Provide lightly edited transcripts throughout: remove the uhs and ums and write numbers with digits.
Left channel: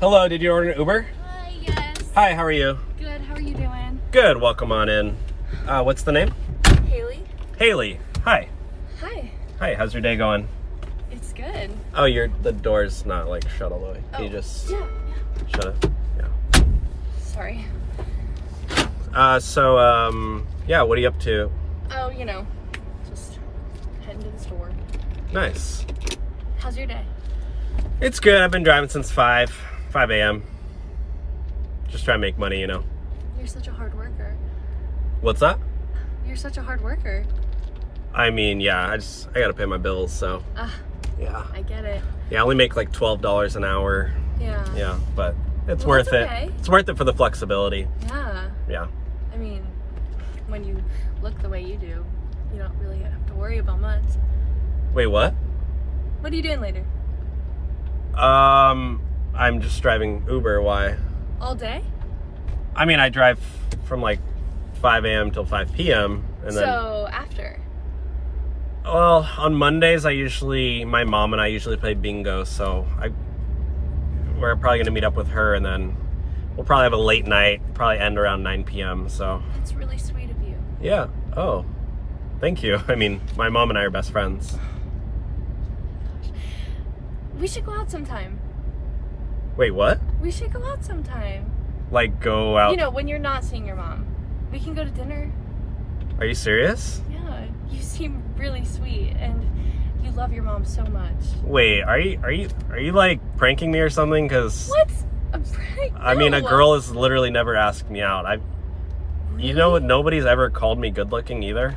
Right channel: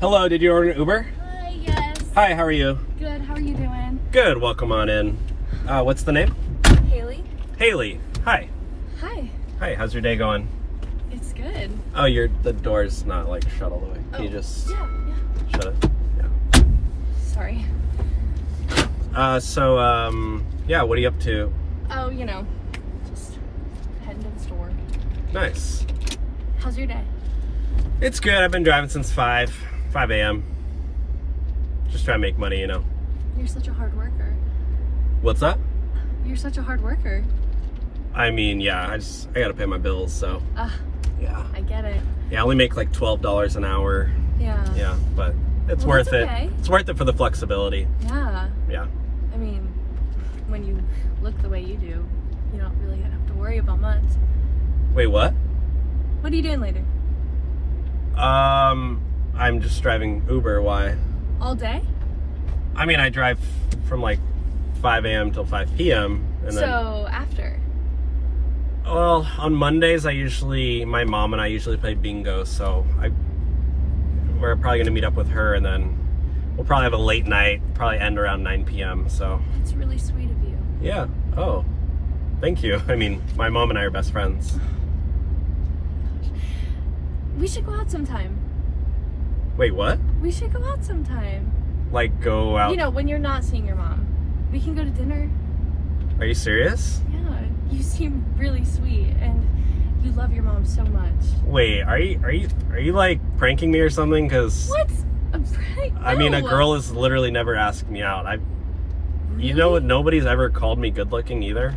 Hello, did you order an Uber? Hi, yes. Hi, how are you? Good, how are you doing? Good, welcome on in. What's the name? Haley. Haley. Hi. Hi. Hi, how's your day going? It's good. Oh, the door's not like shut all the way. Can you just Yeah. shut it? Yeah. Sorry. Yeah, what are you up to? Oh, just heading to the store. Nice. How's your day? It's good. I've been driving since 5 a.m. Just trying to make money, You're such a hard worker. What's that? You're such a hard worker. I mean, yeah, I gotta pay my bills, so. Yeah. I get it. Yeah, I only make like $12 an hour. Yeah. Yeah, but it's Well, worth that's it. okay. It's worth it for the flexibility. Yeah. Yeah. I mean, when you look the way you do, you don't really have to worry about much. Wait, what? What are you doing later? I'm just driving Uber. Why? All day? I mean, I drive from like 5 a.m. till 5 p.m. and then. So, after? Well, on Mondays, my mom and I usually play bingo, so we're probably gonna meet up with her, and then we'll probably have a late night, probably end around 9 p.m. So. That's really sweet of you. Yeah. Oh, thank you. I mean, my mom and I are best friends. We should go out sometime. Wait, what? We should go out sometime. Like go out? When you're not seeing your mom. We can go to dinner. Are you serious? Yeah, you seem really sweet and you love your mom so much. Wait, are you like pranking me or something? Cause what? A prank? No. I mean, a girl has literally never asked me out. Really? You know what? Nobody's ever called me good looking either.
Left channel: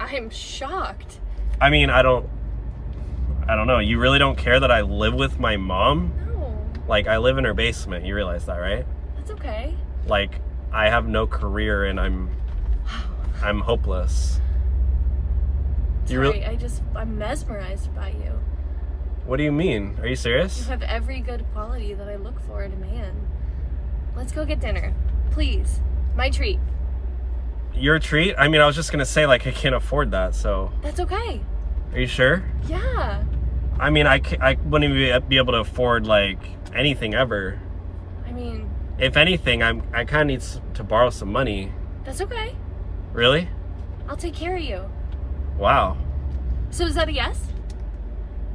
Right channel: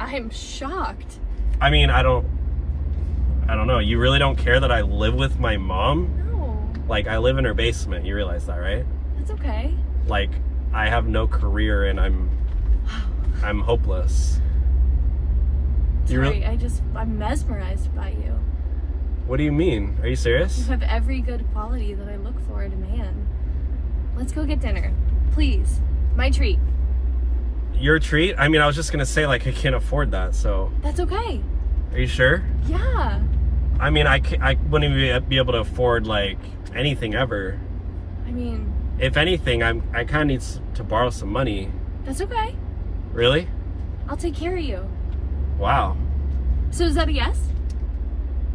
I'm shocked. I mean, I don't know. You really don't care that I live with my mom? No. Like, I live in her basement. You realize that, right? That's okay. Like, I have no career and I'm hopeless. Sorry, I'm mesmerized by you. What do you mean? Are you serious? You have every good quality that I look for in a man. Let's go get dinner. Please. My treat. Your treat? I mean, I was just gonna say, like, I can't afford that, so. That's okay. Are you sure? Yeah. I mean, I wouldn't even be able to afford, like, anything ever. I mean... If anything, I kind of need to borrow some money. That's okay. Really? I'll take care of you. Wow. So is that a yes?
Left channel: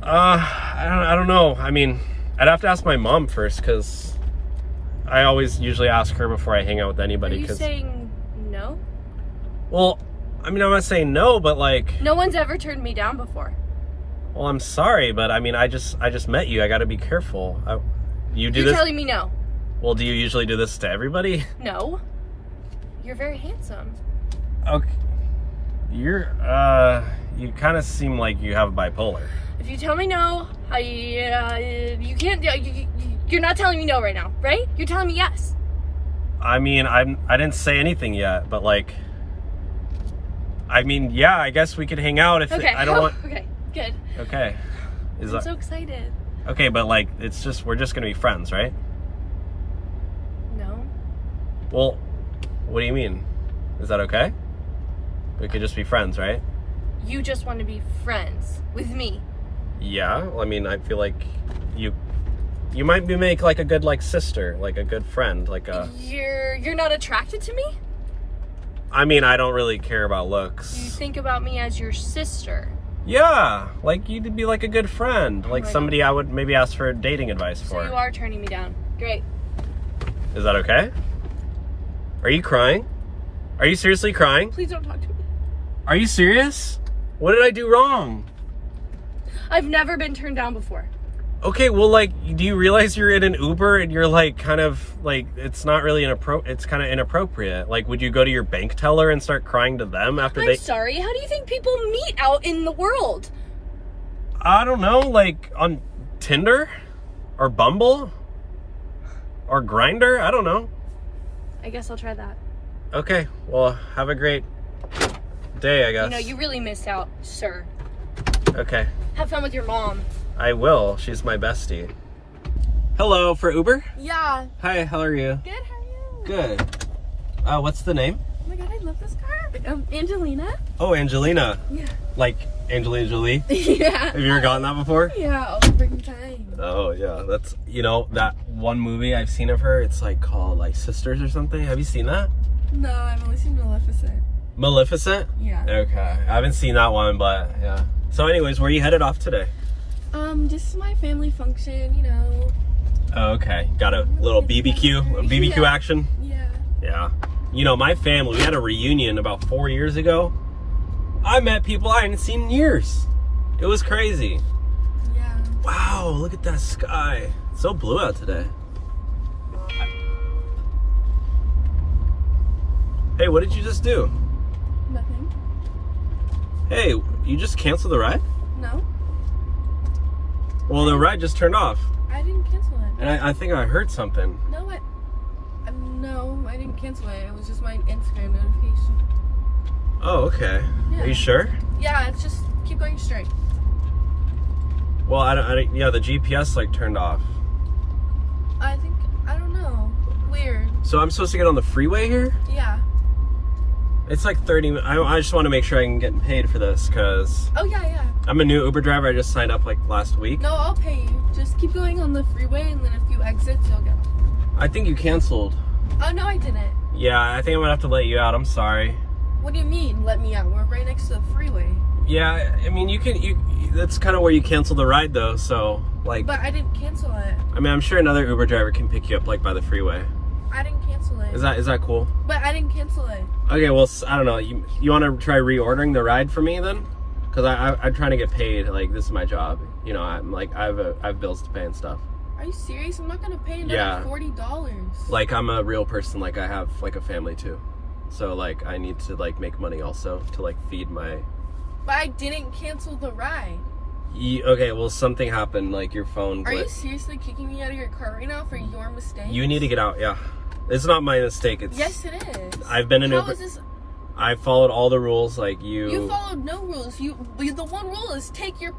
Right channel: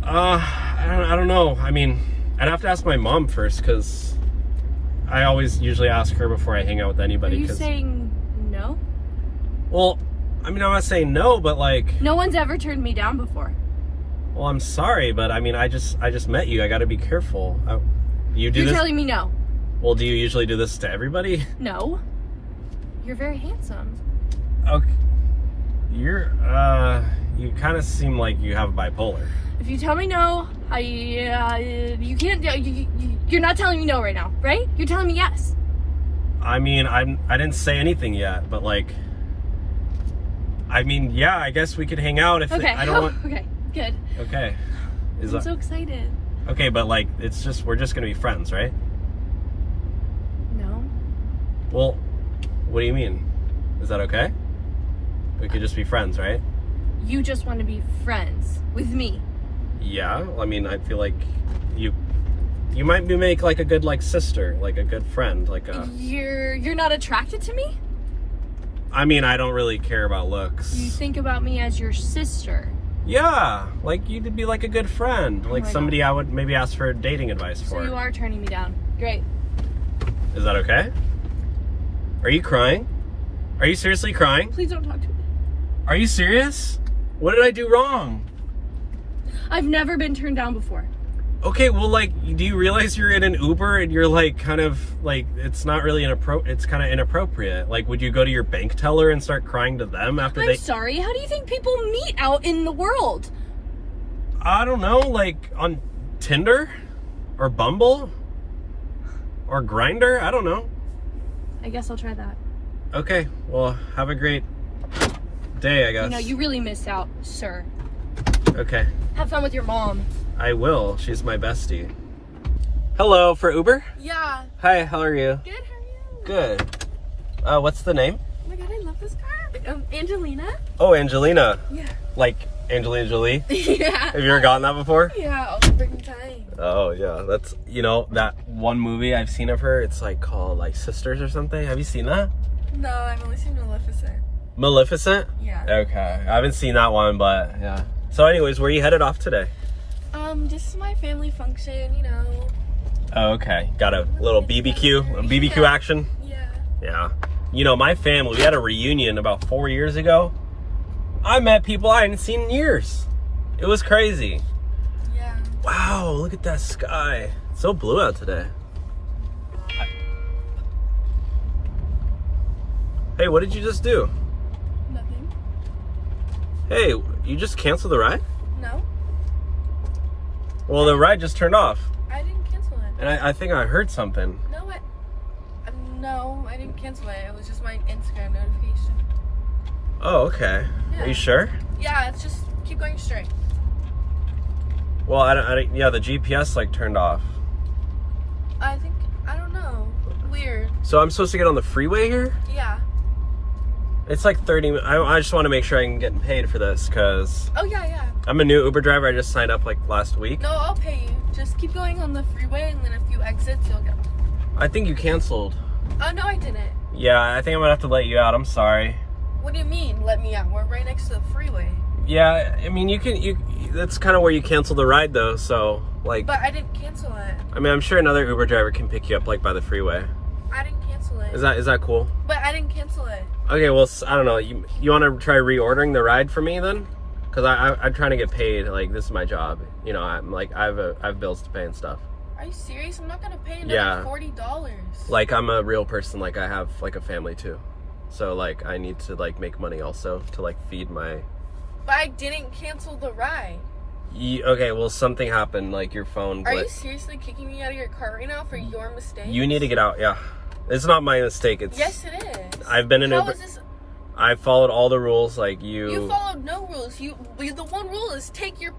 I don't know. I mean, I'd have to ask my mom first, because I always usually ask her before I hang out with anybody. Are you saying no? Well, I mean, I'm not saying no, but like... No one's ever turned me down before. Well, I'm sorry, but I mean, I just met you. I gotta be careful. You're telling me no? Well, do you usually do this to everybody? No. You're very handsome. Okay. You kind of seem like you have bipolar. If you tell me no, you can't, you're not telling me no right now, right? You're telling me yes. I mean, I didn't say anything yet, but like, I mean, yeah, I guess we could hang out if okay. I don't want. Okay, good. Okay. I'm so excited. Okay, but like, we're just gonna be friends, right? No. Well, what do you mean? Is that okay? We could just be friends, right? You just want to be friends with me. Yeah, well, I mean, I feel like you might make like a good like sister, like a good friend, like a. You're not attracted to me? I mean, I don't really care about looks. You think about me as your sister. Yeah, like you'd be like a good friend, like somebody I would maybe ask for dating advice for. So you are turning me down. Great. Is that okay? Are you crying? Are you seriously crying? Please don't talk to me. Are you serious? What did I do wrong? I've never been turned down before. Okay, well, like, do you realize you're in an Uber and you're like kind of like, it's not really it's kind of inappropriate. Like, would you go to your bank teller and start crying to them after I'm sorry. How do you think people meet out in the world? I don't know, like on Tinder or Bumble or Grindr? I don't know. I guess I'll try that. Okay, well, have a great day, I guess. You really missed out, sir. Okay. Have fun with your mom. I will. She's my bestie. Hello, for Uber? Yeah. Hi, how are you? Good, how are you? Good. What's the name? Oh my god, I love this car. Angelina? Oh, Angelina. Yeah. Like Angelina Jolie? Yeah. Have you ever gotten that before? Yeah, all the freaking time. Oh yeah, that's, you know, that one movie I've seen of her, it's like called like Sisters or something. Have you seen that? No, I've only seen Maleficent. Maleficent? Yeah. Okay, I haven't seen that one, but yeah. So anyways, where are you headed off today? Just my family function, you know. Oh, okay, got a little BBQ Yeah. action? Yeah. Yeah. You know, my family, we had a reunion about 4 years ago. I met people I hadn't seen in years. It was crazy. Yeah. Wow, look at that sky. It's so blue out today. Hey, what did you just do? Nothing. Hey, you just canceled the ride? No. Well, the ride just turned off. I didn't cancel it. And I think I heard something. No, I didn't cancel it. It was just my Instagram notification. Oh, okay. Yeah. Are you sure? Yeah, it's just keep going straight. Well, yeah, the GPS like turned off. I don't know. Weird. So I'm supposed to get on the freeway here? Yeah. It's like 30 minutes. I just want to make sure I can get paid for this because Oh, yeah. I'm a new Uber driver. I just signed up like last week. No, I'll pay you. Just keep going on the freeway and then a few exits, you'll get off. I think you canceled. Oh, no, I didn't. Yeah, I think I'm gonna have to let you out. I'm sorry. What do you mean, let me out? We're right next to the freeway. Yeah, I mean, that's kind of where you cancel the ride though, so like. But I didn't cancel it. I mean, I'm sure another Uber driver can pick you up like by the freeway. I didn't cancel it. Is that cool? But I didn't cancel it. Okay, well, I don't know. You want to try reordering the ride for me then? Because I'm trying to get paid. Like, this is my job. You know, I'm like, I have bills to pay and stuff. Are you serious? I'm not gonna pay another $40. Like, I'm a real person. Like, I have like a family too. So like, I need to like make money also to like feed my. But I didn't cancel the ride. Okay, well, something happened. Like, your phone. Are you seriously kicking me out of your car right now for your mistake? You need to get out. Yeah, it's not my mistake. It's. Yes, it is. I've been in Uber. How is this? I followed all the rules. Like you. You followed no rules. The one rule is take your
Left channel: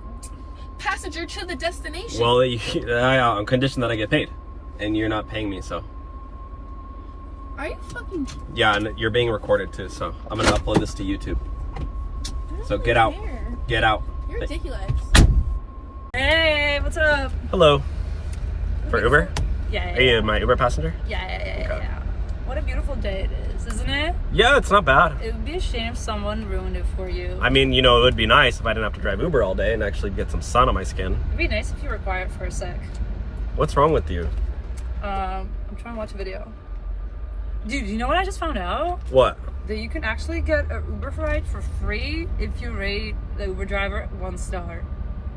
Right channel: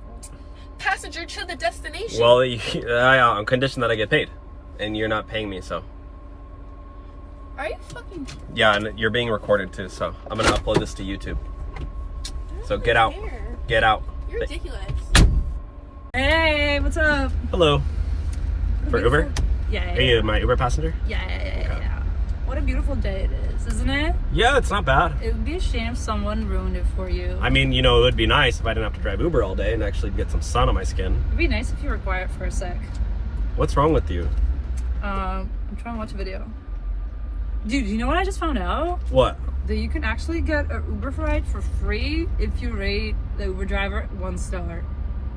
passenger to the destination. Well, I'm conditioned that I get paid, and you're not paying me, so. Are you fucking? Yeah, and you're being recorded too, so I'm gonna upload this to YouTube. So get out. Get out. You're ridiculous. Hey, what's up? Hello. For Uber? Yeah. Are you my Uber passenger? Yeah. What a beautiful day it is, isn't it? Yeah, it's not bad. It would be a shame if someone ruined it for you. I mean, you know, it would be nice if I didn't have to drive Uber all day and actually get some sun on my skin. It'd be nice if you were quiet for a sec. What's wrong with you? I'm trying to watch a video. Dude, you know what I just found out? What? That you can actually get an Uber ride for free if you rate the Uber driver 1 star.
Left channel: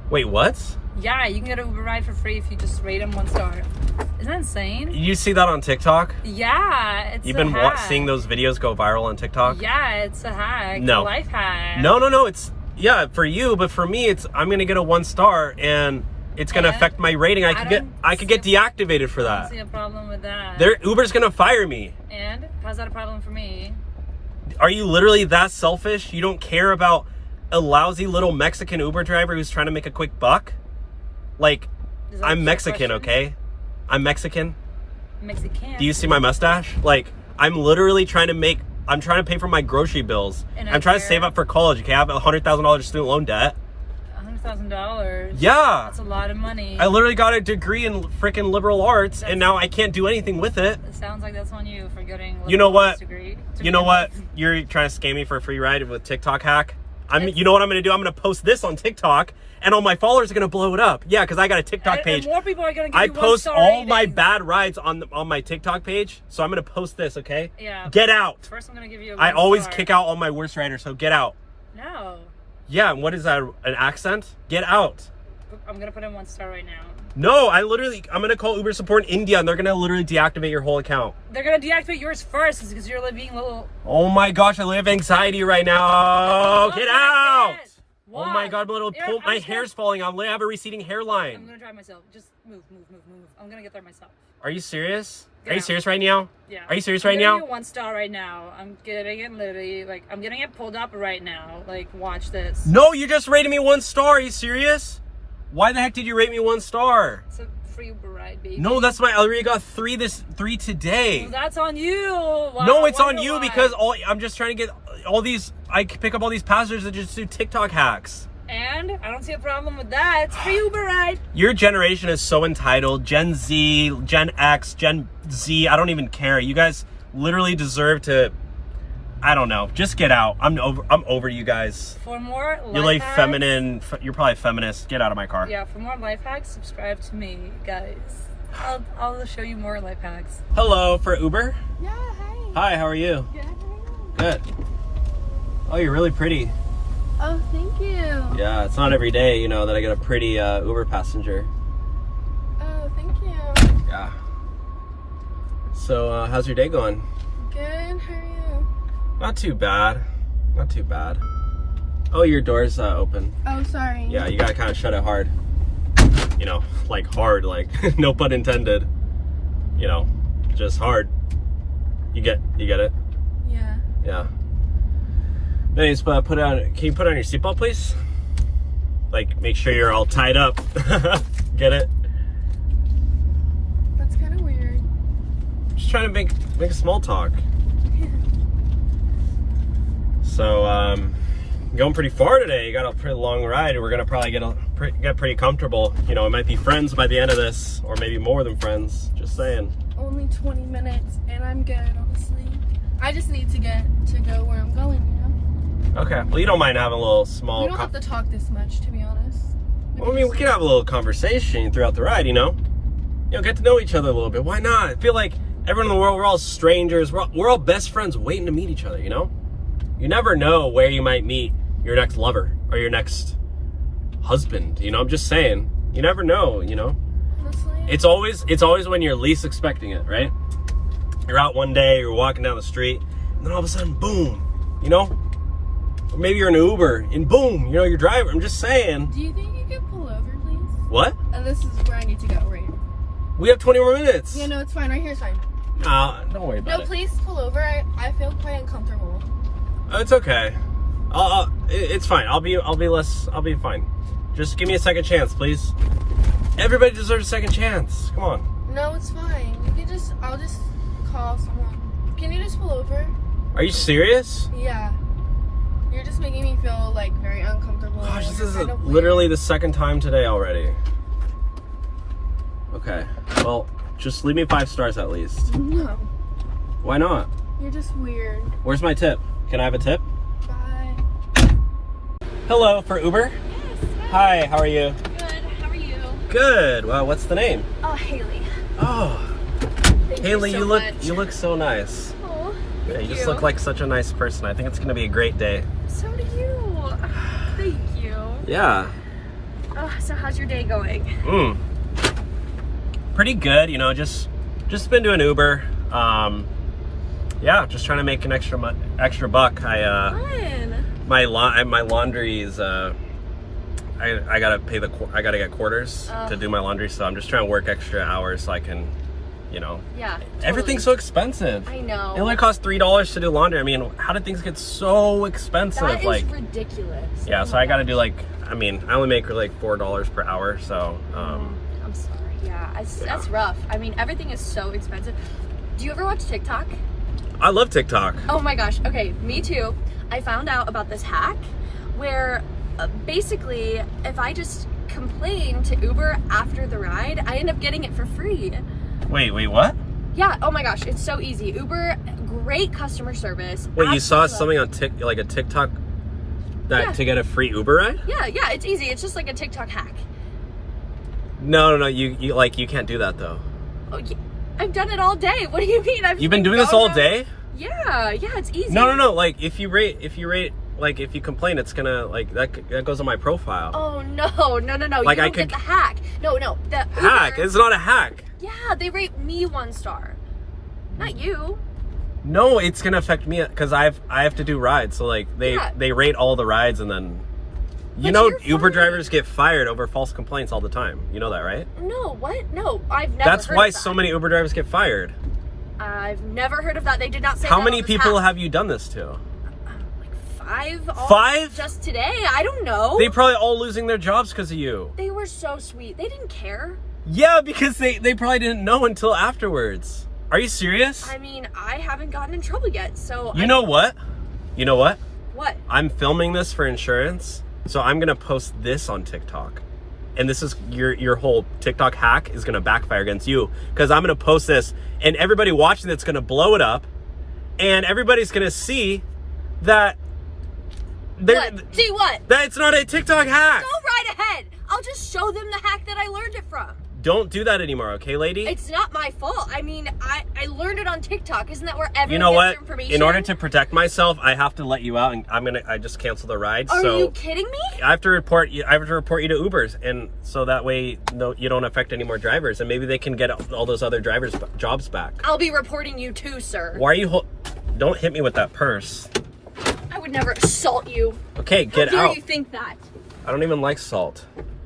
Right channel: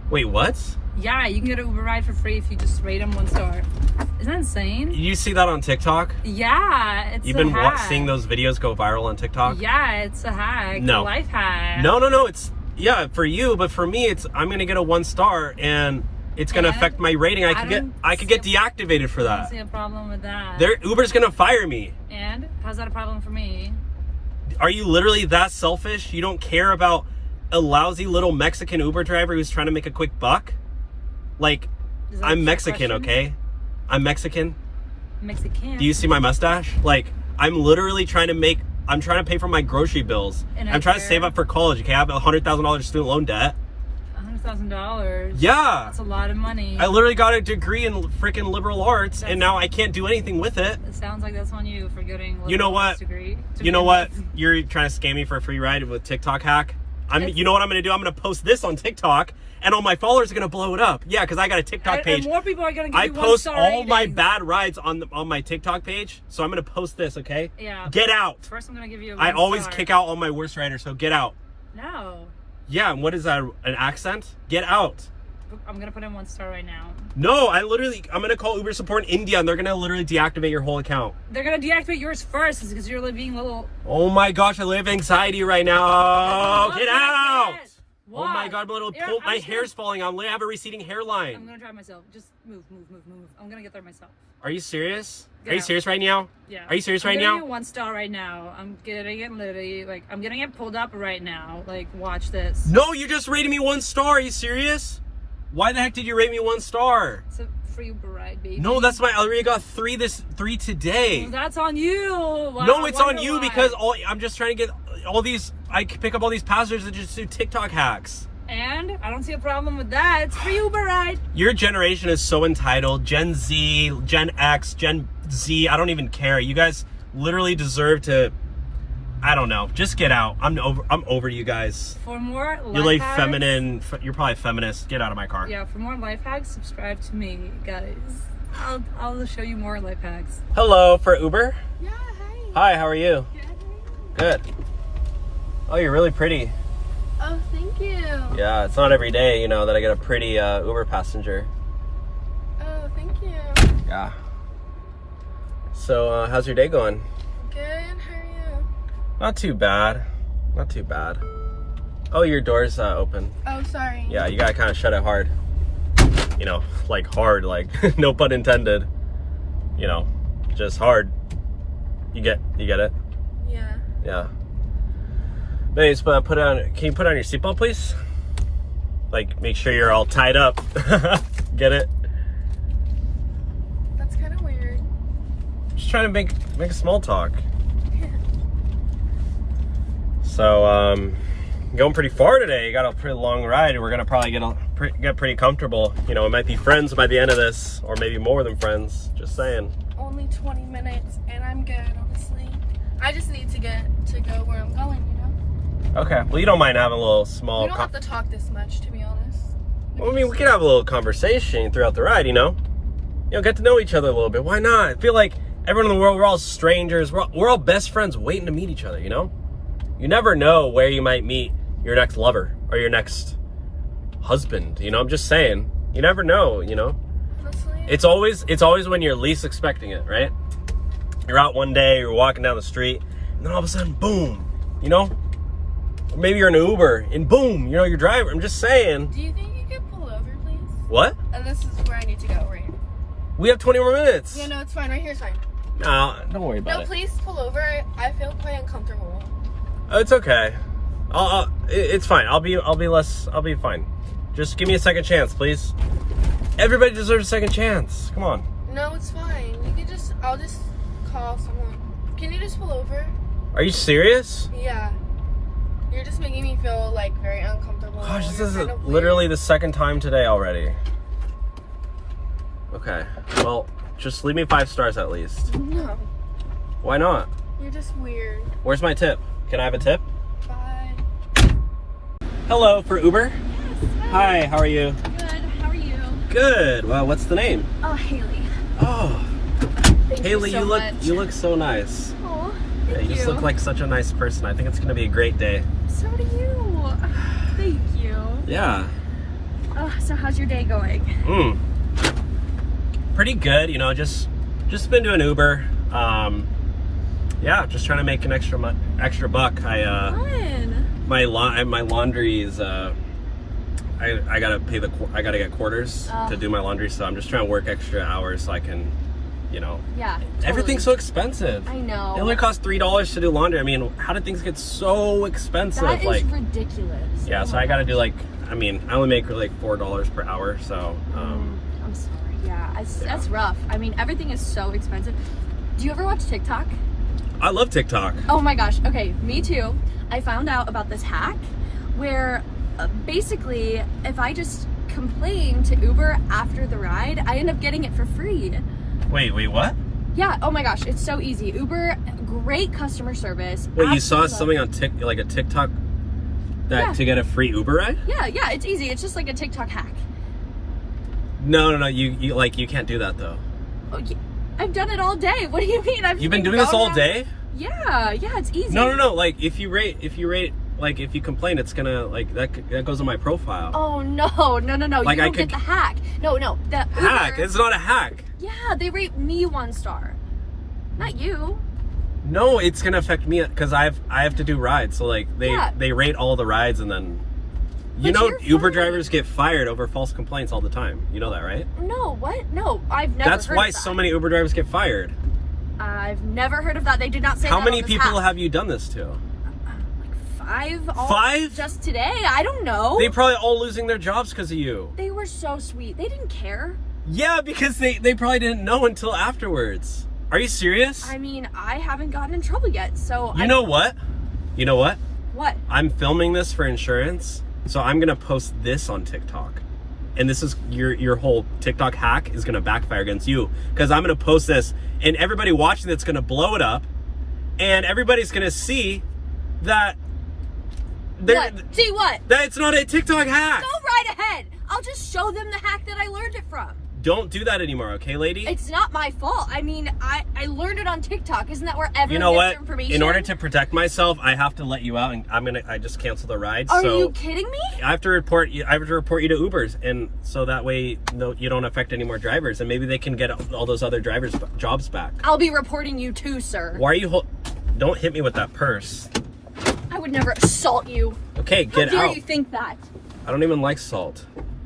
Wait, what? Yeah, you can get an Uber ride for free if you just rate him 1 star. Isn't that insane? You see that on TikTok? Yeah, it's You've a been hack. seeing those videos go viral on TikTok? Yeah, it's a hack. No. It's a life hack. No, it's, yeah, for you, but for me, it's, I'm gonna get a 1 star and it's gonna affect my rating. I could get deactivated for I that. don't see a problem with that. Uber's gonna fire me. And how's that a problem for me? Are you literally that selfish? You don't care about a lousy little Mexican Uber driver who's trying to make a quick buck? Like, Is that a I'm trick Mexican, question? okay? I'm Mexican. Mexican. Do you see my mustache? Like, I'm literally trying to pay for my grocery bills. And I'm trying to save up for college, okay? I have $100,000 student loan debt. $100,000. Yeah. That's a lot of money. I literally got a degree in freaking liberal arts, and now I can't do anything with it. It sounds like that's on you for getting a You know liberal arts what? degree. You know what? You're trying to scam me for a free ride with TikTok hack. You know what I'm going to do? I'm going to post this on TikTok, and all my followers are going to blow it up. Yeah, because I got a TikTok page. And more people are going to give you I post 1 star all my ratings. bad rides on my TikTok page, so I'm going to post this, okay? Yeah. Get out. First, I'm going to give you a 1 I always star. kick out all my worst riders, so get out. No. Yeah, and what is that, an accent? Get out. I'm going to put in 1 star right now. No, I'm going to call Uber support in India, and they're going to literally deactivate your whole account. They're going to deactivate yours first because you're being a little... Oh my gosh, I live anxiety right now. Get out. What? Oh my god, my hair's falling out. I have a receding hairline. I'm gonna drive myself. Just move. I'm gonna get there myself. Are you serious? Yeah. Are you serious right now? Yeah. Are you serious I'm right now? giving you 1 star right now. I'm getting it literally, like, I'm getting it pulled up right now. Like, watch this. No, you just rated me 1 star. Are you serious? Why the heck did you rate me 1 star? It's a free Uber ride, baby. No, that's I already got 3 today. Well, that's on you. Wow, No, it's on wonder you why. because I'm just trying to get all these. I pick up all these passengers that just do TikTok hacks. And I don't see a problem with that. It's free Uber ride. Your generation is so entitled. Gen Z, Gen X, Gen Z, I don't even care. You guys literally deserve to, I don't know, just get out. I'm over you guys. For more life You're like hacks, feminine, you're probably feminist. Get out of my car. Yeah, for more life hacks, subscribe to me, guys. I'll show you more life hacks. Hello, for Uber? Yeah, hey. Hi, how are you? Good. Oh, you're really pretty. Oh, thank you. Yeah, it's not every day, you know, that I get a pretty Uber passenger. Oh, thank you. Yeah. So, how's your day going? Good, how are you? Not too bad. Not too bad. Oh, your door's open. Oh, sorry. Yeah, you gotta kind of shut it hard. You know, like hard, like no pun intended. You know, just hard. You get it? Yeah. Yeah. Anyways, but put on. Can you put on your seatbelt, please? Like, make sure you're all tied up. Get it? That's kind of weird. Just trying to make a small talk. So, going pretty far today. You got a pretty long ride. We're gonna probably get pretty comfortable. You know, it might be friends by the end of this, or maybe more than friends. Just saying. Only 20 minutes, and I'm good, honestly. I just need to get to go where I'm going, you know? Okay. Well, you don't mind having a little small. We don't have to talk this much, to be honest. Well, I mean, we could have a little conversation throughout the ride. You know, get to know each other a little bit. Why not? I feel like everyone in the world, we're all strangers. We're all best friends, waiting to meet each other. You know, you never know where you might meet your next lover or your next husband. You know, I'm just saying. You never know. You know. Honestly. It's always when you're least expecting it, right? You're out one day, you're walking down the street, and then all of a sudden, boom, you know? Or maybe you're in an Uber, and boom, you know, you're driving. I'm just saying. Do you think you could pull over, please? What? And this is where I need to go, right? We have 20 more minutes. No, it's fine. Right here is fine. No, don't worry about No, it. please pull over. I feel quite uncomfortable. Oh, it's okay. It's fine. I'll be fine. Just give me a second chance, please. Everybody deserves a second chance. Come on. No, it's fine. I'll just call someone. Can you just pull over? Are you serious? Yeah. You're just making me feel like very uncomfortable. Gosh, this You're is kind of literally weird. the second time today already. Okay. Well, just leave me 5 stars at least. No. Why not? You're just weird. Where's my tip? Can I have a tip? Bye. Hello, for Uber? Yes. Hi, how are you? Good. How are you? Good. Well, what's the name? Oh, Haley. Oh, Thank Haley, you so much. you look so nice. Oh, Yeah, thank you just look like such a nice person. I think it's gonna be a great day. So do you. Thank you. Yeah. So how's your day going? Pretty good. You know, just been doing Uber. Yeah, just trying to make an extra buck. Fun. My laundry is I gotta get quarters to do my laundry, so I'm just trying to work extra hours so I can, you know. Yeah. Totally. Everything's so expensive. I know. It only costs $3 to do laundry. I mean, how did things get so expensive? That is like, ridiculous. yeah. Oh So my I gotta do gosh. like, I mean, I only make like $4 per hour. So, I'm sorry. Yeah, that's rough. I mean, everything is so expensive. Do you ever watch TikTok? I love TikTok. Oh my gosh. Okay, me too. I found out about this hack where basically if I just complain to Uber after the ride, I end up getting it for free. Wait, what? Yeah, oh my gosh, it's so easy. Uber, great customer service. Wait, you saw Absolutely. something on a TikTok that Yeah. to get a free Uber ride? Yeah, it's easy. It's just like a TikTok hack. No, you can't do that though. Oh, yeah. I've done it all day. What do you mean? You've been doing this all going day? Yeah, it's easy. No. Like if you rate, like if you complain, it's gonna like that goes on my profile. Oh no! Like, you I don't get could- the hack. No, the Hack? Uber, It's not a hack. Yeah, they rate me 1 star, not you. No, it's gonna affect me because I have to do rides. So like they rate all the rides and then you But know you're Uber fine. drivers get fired over false complaints all the time. You know that, right? No, what? No, I've never. That's heard why of that. so many Uber drivers get fired. I've never heard of that. They did not say. How that many on this people hack. have you done this to? Like 5. All 5? Just today. I don't know. They probably all losing their jobs because of you. They were so sweet. They didn't care. Yeah, because they probably didn't know until afterwards. Are you serious? I mean, I haven't gotten in trouble yet, so. You know what? What? I'm filming this for insurance, So I'm gonna post this on TikTok. And this is your whole TikTok hack is gonna backfire against you. Because I'm gonna post this and everybody watching it's gonna blow it up. And everybody's gonna see that See what? that it's not a TikTok hack. Go right ahead. I'll just show them the hack that I learned it from. Don't do that anymore, okay, lady? It's not my fault. I mean, I learned it on TikTok. Isn't that where everyone You know gets what? their information? In order to protect myself, I have to let you out, and I just cancel the ride. Are so you kidding me? I have to report you. I have to report you to Ubers, and so that way, you don't affect any more drivers, and maybe they can get all those other drivers' jobs back. I'll be reporting you too, sir. Why are you? Don't hit me with that purse. I would never assault you. Okay, get How dare out. you think that? I don't even like salt.